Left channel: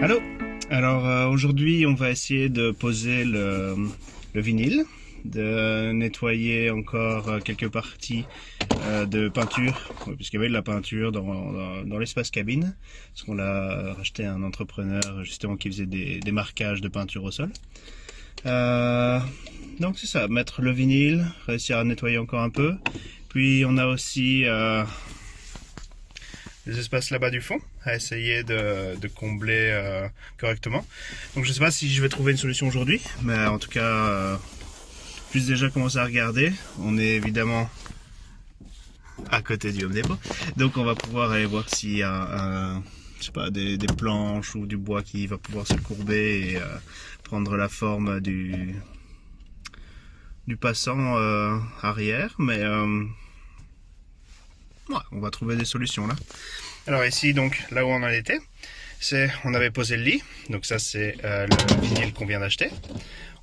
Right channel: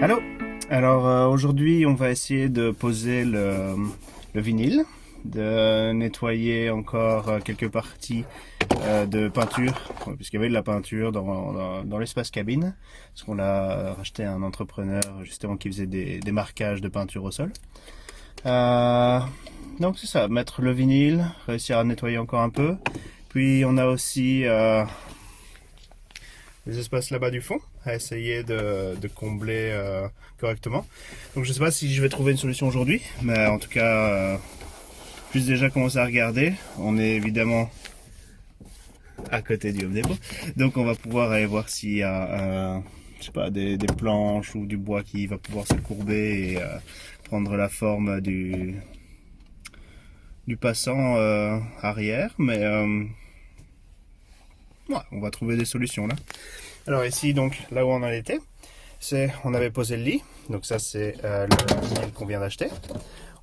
Allô. Alors aujourd'hui on va essayer de poser le vinyle, de nettoyer encore quelques parties de peinture, puisqu'il y avait de la peinture dans l'espace cabine, parce qu'on l'a racheté à un entrepreneur justement qui faisait des marquages de peinture au sol. Donc c'est ça, mettre le vinyle, réussir à nettoyer encore un peu. Puis on a aussi les espaces là-bas du fond à essayer de combler correctement. Donc je sais pas si je vais trouver une solution aujourd'hui, mais en tout cas, puis déjà commencer à regarder. On est évidemment à côté du Home Depot, donc on va pouvoir aller voir s'il y a je sais pas, des planches ou du bois qui va pouvoir se courber et prendre la forme du passant arrière, mais ouais, on va trouver des solutions là. Alors ici, donc là où on en était, on avait posé le lit, donc ça c'est le vinyle qu'on vient d'acheter.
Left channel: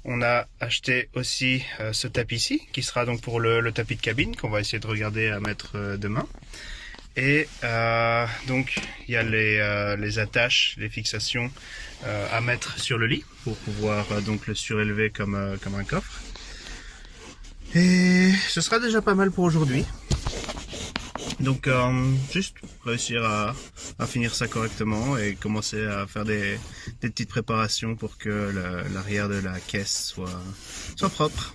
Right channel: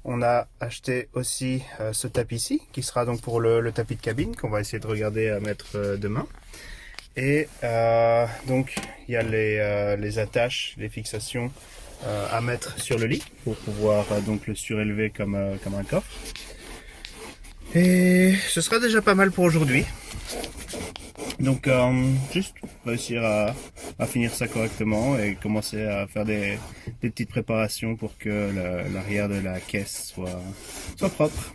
On a acheté aussi ce tapis-ci, qui sera donc pour le tapis de cabine, qu'on va essayer de regarder à mettre demain. Et donc il y a les attaches, les fixations à mettre sur le lit, pour pouvoir donc le surélever comme un coffre. Et ce sera déjà pas mal pour aujourd'hui. Donc juste réussir à finir ça correctement et commencer à faire des petites préparations pour que l'arrière de la caisse soit propre.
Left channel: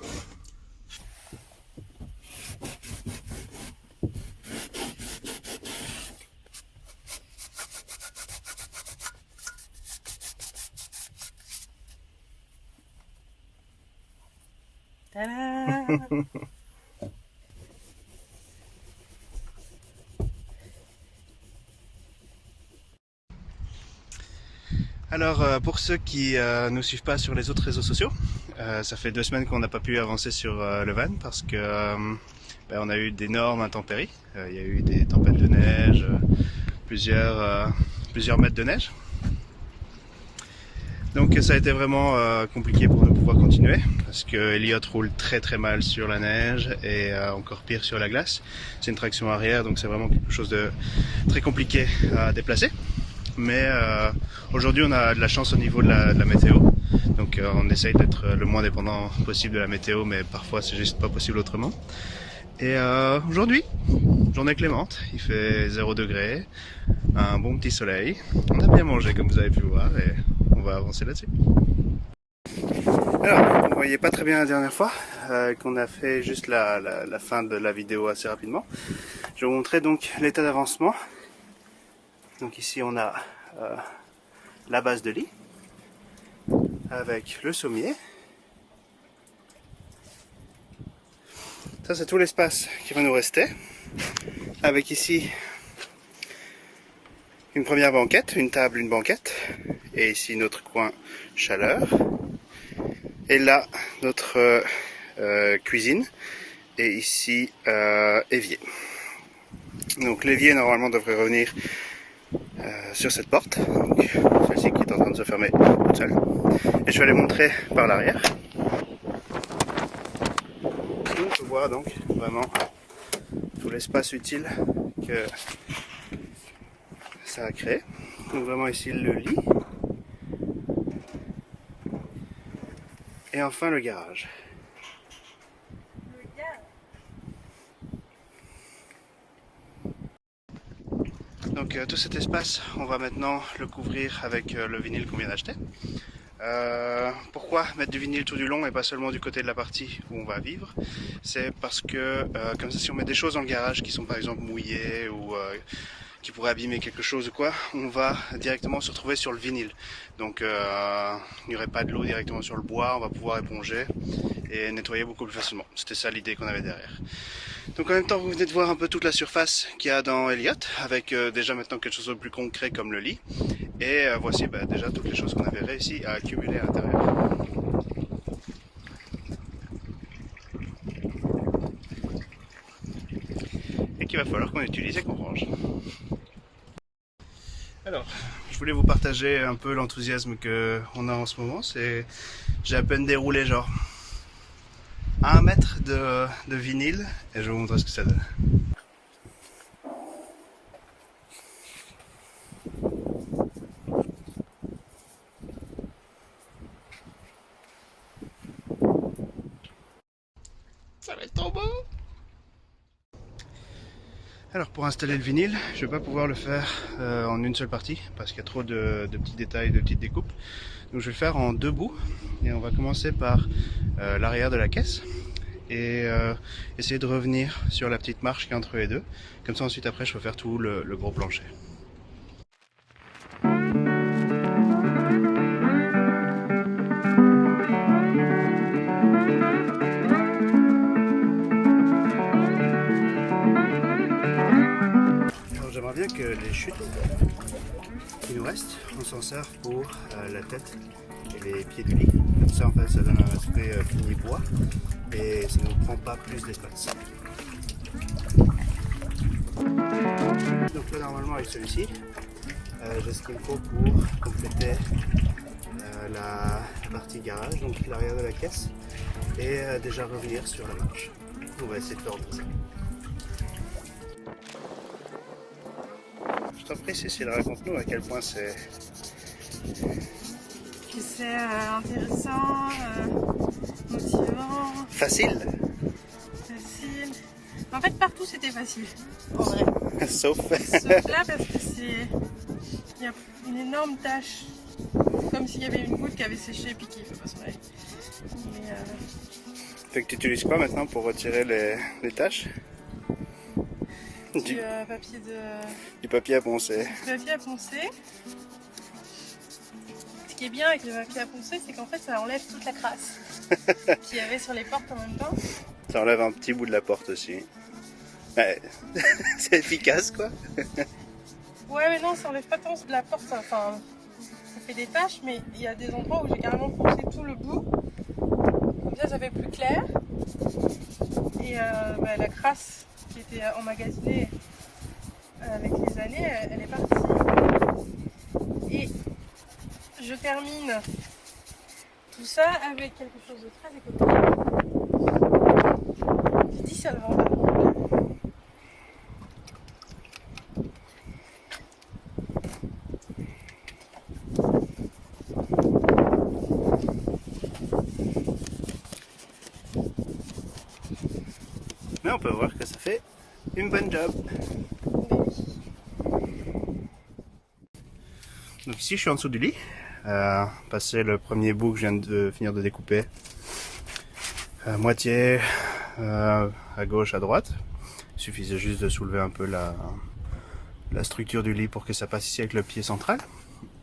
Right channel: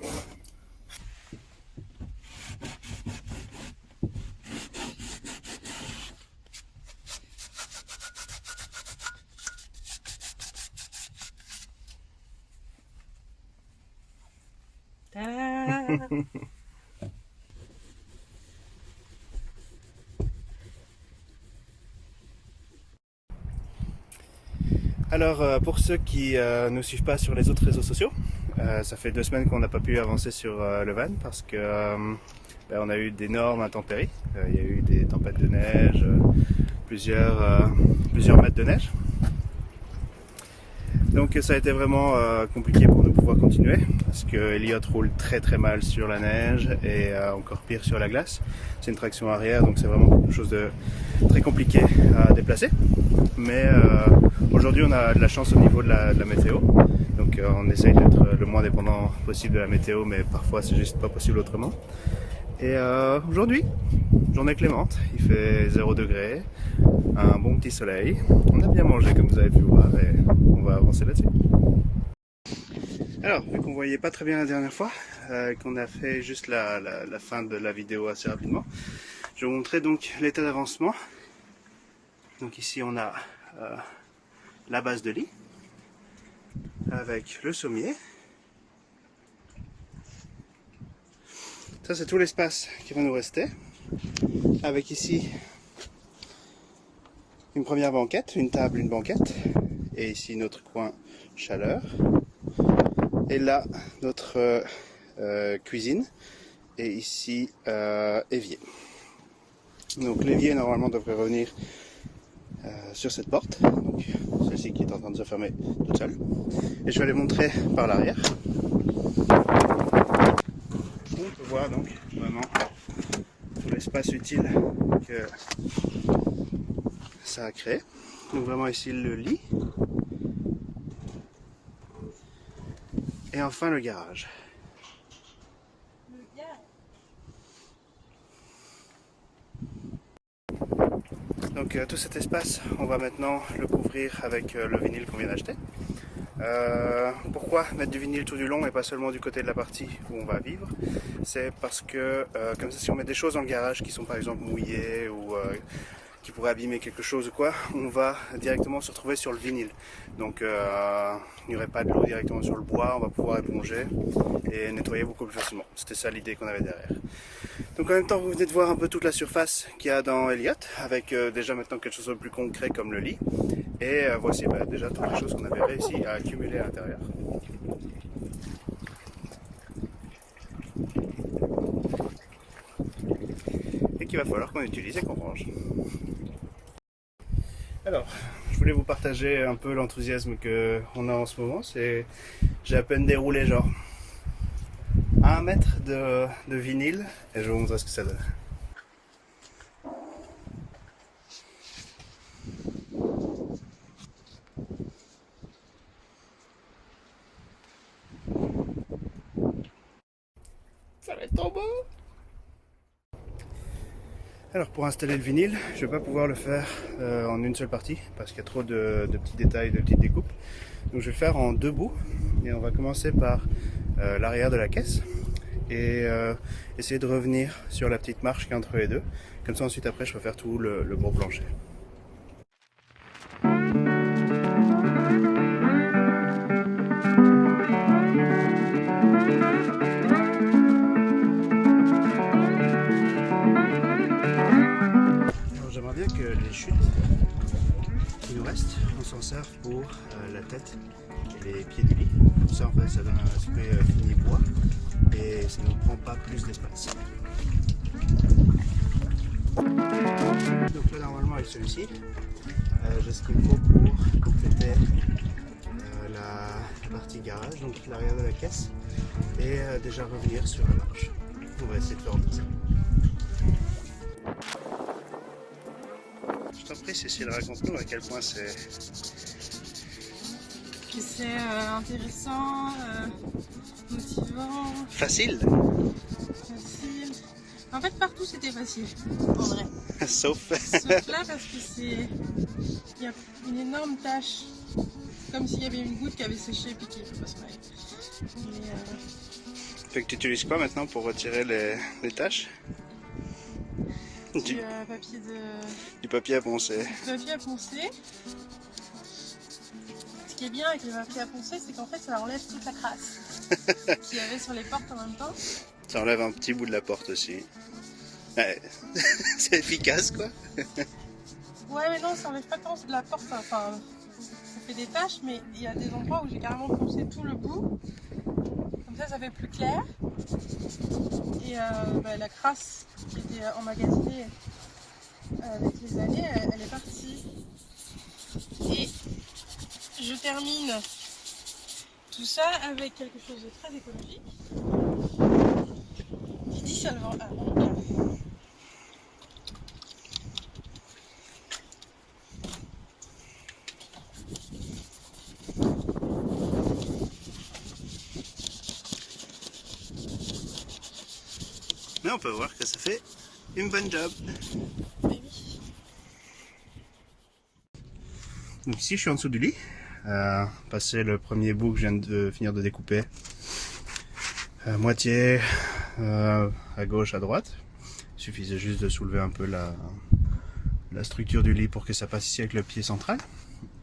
Alors pour ceux qui ne nous suivent pas sur les autres réseaux sociaux, ça fait 2 semaines qu'on n'a pas pu avancer sur le van parce que on a eu d'énormes intempéries. Il y a eu des tempêtes de neige, plusieurs mètres de neige. Donc ça a été vraiment compliqué pour nous pouvoir continuer parce que Elliot roule très très mal sur la neige et encore pire sur la glace. C'est une traction arrière, donc c'est vraiment quelque chose de très compliqué à déplacer. Mais aujourd'hui on a de la chance au niveau de la météo, donc on essaye d'être le moins dépendant possible de la météo, mais parfois c'est juste pas possible autrement. Et aujourd'hui, journée clémente, il fait 0 degré, un bon petit soleil, on a bien mangé comme vous avez pu voir et on va avancer là-dessus. Alors, vous ne voyez pas très bien la dernière fois, qu'on a fait juste la fin de la vidéo assez rapidement. Je vais vous montrer donc l'état d'avancement. Donc ici on a la base de lit, avec le sommier. Ça c'est tout l'espace qui va nous rester, avec ici une première banquette, une table, une banquette, et ici notre coin chaleur, et là notre cuisine, et ici évier. Donc l'évier normalement devrait revenir sur cette porte, donc celle-ci qui est en train de se fermer toute seule, et je vais aller montrer par l'arrière. On peut voir donc vraiment tout l'espace utile que ça a créé. Donc vraiment ici le lit. Et enfin le garage. Donc tout cet espace, on va maintenant le couvrir avec le vinyle qu'on vient d'acheter. Pourquoi mettre du vinyle tout du long et pas seulement du côté de la partie où on va vivre? C'est parce que comme ça, si on met des choses dans le garage qui sont par exemple mouillées ou qui pourrait abîmer quelque chose ou quoi, on va directement se retrouver sur le vinyle. Donc il n'y aurait pas de l'eau directement sur le bois, on va pouvoir éponger et nettoyer beaucoup plus facilement. C'était ça l'idée qu'on avait derrière. Donc en même temps, vous venez de voir un peu toute la surface qu'il y a dans Elliott, avec déjà maintenant quelque chose de plus concret comme le lit. Et voici déjà toutes les choses qu'on avait réussi à accumuler à l'intérieur. Et qu'il va falloir qu'on utilise et qu'on range. Alors, je voulais vous partager un peu l'enthousiasme qu'on a en ce moment. J'ai à peine déroulé genre 1 mètre de vinyle et je vais vous montrer ce que ça donne. Ça va être trop beau! Alors pour installer le vinyle, je vais pas pouvoir le faire en une seule partie parce qu'il y a trop de petits détails, de petites découpes. Donc je vais le faire en 2 bouts et on va commencer par l'arrière de la caisse et essayer de revenir sur la petite marche qui est entre les deux. Comme ça ensuite après je peux faire tout le gros plancher. J'aimerais bien que les chutes qui nous restent, on s'en serve pour la tête et les pieds du lit. Comme ça en fait ça donne un aspect fini bois et ça ne nous prend pas plus d'espace. Donc là normalement avec celui-ci, j'ai ce qu'il me faut pour compléter la partie garage, donc l'arrière de la caisse et déjà revenir sur la marche. On va essayer de faire ça. Je t'en prie Cécile, raconte-nous à quel point c'est intéressant, motivant, facile. En fait partout c'était facile, en vrai. Sauf là parce que il y a une énorme tache. C'est comme s'il y avait une goutte qui avait séché et puis qui ne peut pas s'en aller. Fait que tu utilises quoi maintenant pour retirer les taches? Du papier à poncer. Du papier à poncer. Ce qui est bien avec le papier à poncer, c'est qu'en fait ça enlève toute la crasse qu'il y avait sur les portes en même temps. Ça enlève un petit bout de la porte aussi. Ouais. C'est efficace quoi. Ouais mais non, ça enlève pas tant de la porte, enfin ça fait des taches, mais il y a des endroits où j'ai carrément poncé tout le bout. Comme ça fait plus clair. Et la crasse qui était emmagasinée avec les années, elle est partie. Et je termine tout ça avec quelque chose de très écologique qui dissolvant par contre. Mais on peut voir que ça fait une bonne job. Donc ici je suis en dessous du lit, passer le premier bout que je viens de finir de découper, moitié à gauche, à droite. Il suffisait juste de soulever un peu la structure du lit pour que ça passe ici avec le pied central.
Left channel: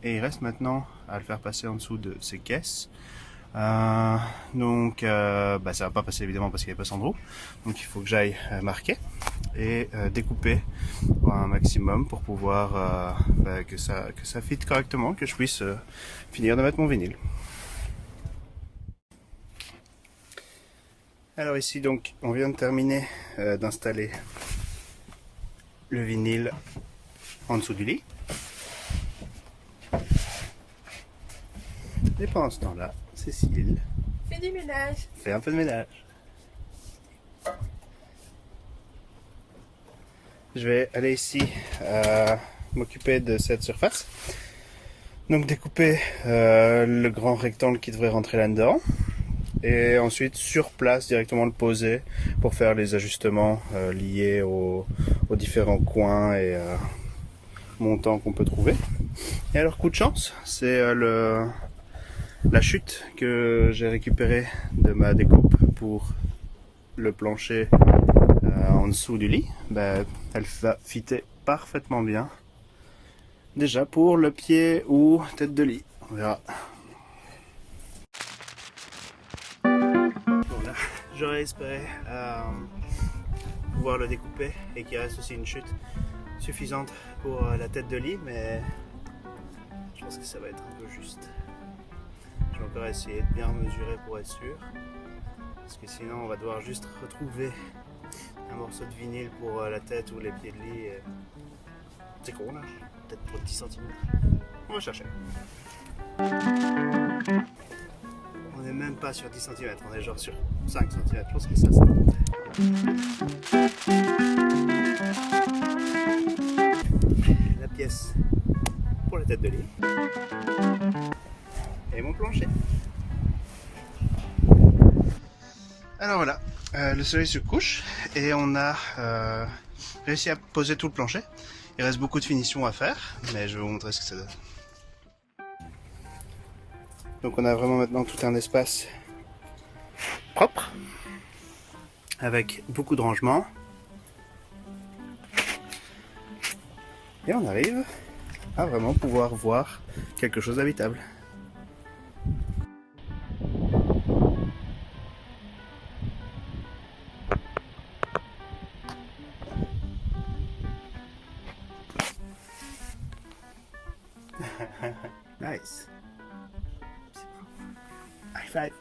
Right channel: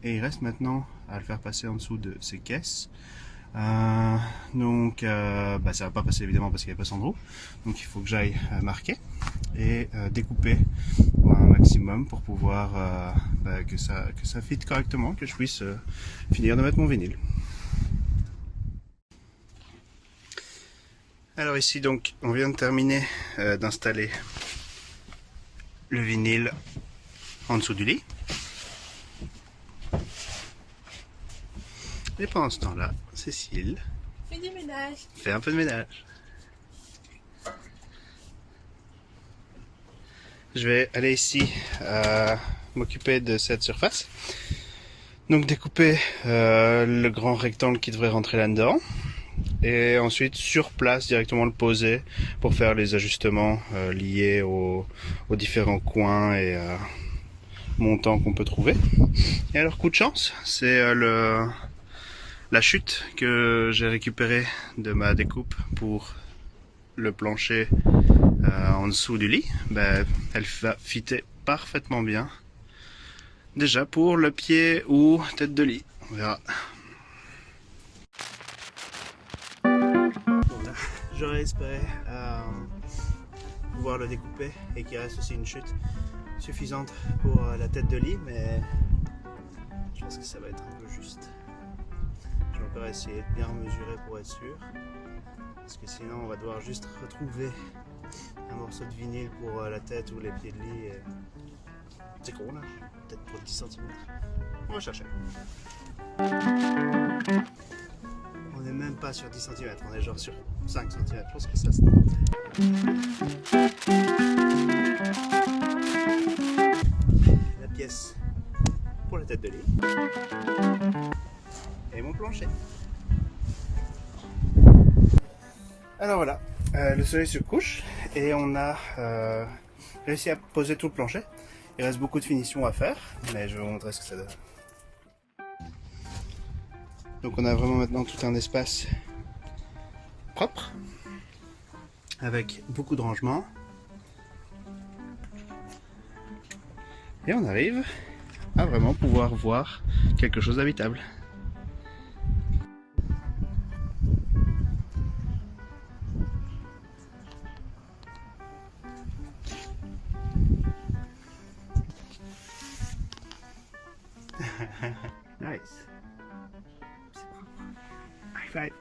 Et il reste maintenant à le faire passer en dessous de ces caisses. Ça va pas passer évidemment parce qu'il n'y a pas Sandro, donc il faut que j'aille marquer et découper un maximum pour pouvoir que ça fitte correctement, que je puisse finir de mettre mon vinyle. Alors ici donc on vient de terminer d'installer le vinyle en dessous du lit. Et pendant ce temps-là, Cécile fait du ménage. Fait un peu de ménage. Je vais aller ici m'occuper de cette surface. Donc découper le grand rectangle qui devrait rentrer là-dedans. Et ensuite sur place directement le poser pour faire les ajustements liés aux différents coins et montant qu'on peut trouver. Et alors coup de chance, c'est la chute que j'ai récupérée de ma découpe pour le plancher en dessous du lit. Ben, elle va fitter parfaitement bien. Déjà pour le pied ou tête de lit, on verra. Voilà, j'aurais espéré pouvoir le découper et qu'il reste aussi une chute suffisante pour la tête de lit, mais je pense que ça va être un peu juste. Je vais encore essayer de bien mesurer pour être sûr, parce que sinon on va devoir juste retrouver un morceau de vinyle pour la tête ou les pieds de lit. C'est con là, peut-être pour 10 cm. On va chercher. On n'est même pas sur 10 cm, on est genre sur 5 cm. Je pense que ça se tente. La pièce pour la tête de lit. Et mon plancher. Alors voilà, le soleil se couche et on a réussi à poser tout le plancher. Il reste beaucoup de finitions à faire, mais je vais vous montrer ce que ça donne. Donc on a vraiment maintenant tout un espace propre, avec beaucoup de rangements. Et on arrive à vraiment pouvoir voir quelque chose d'habitable. Nice. High five.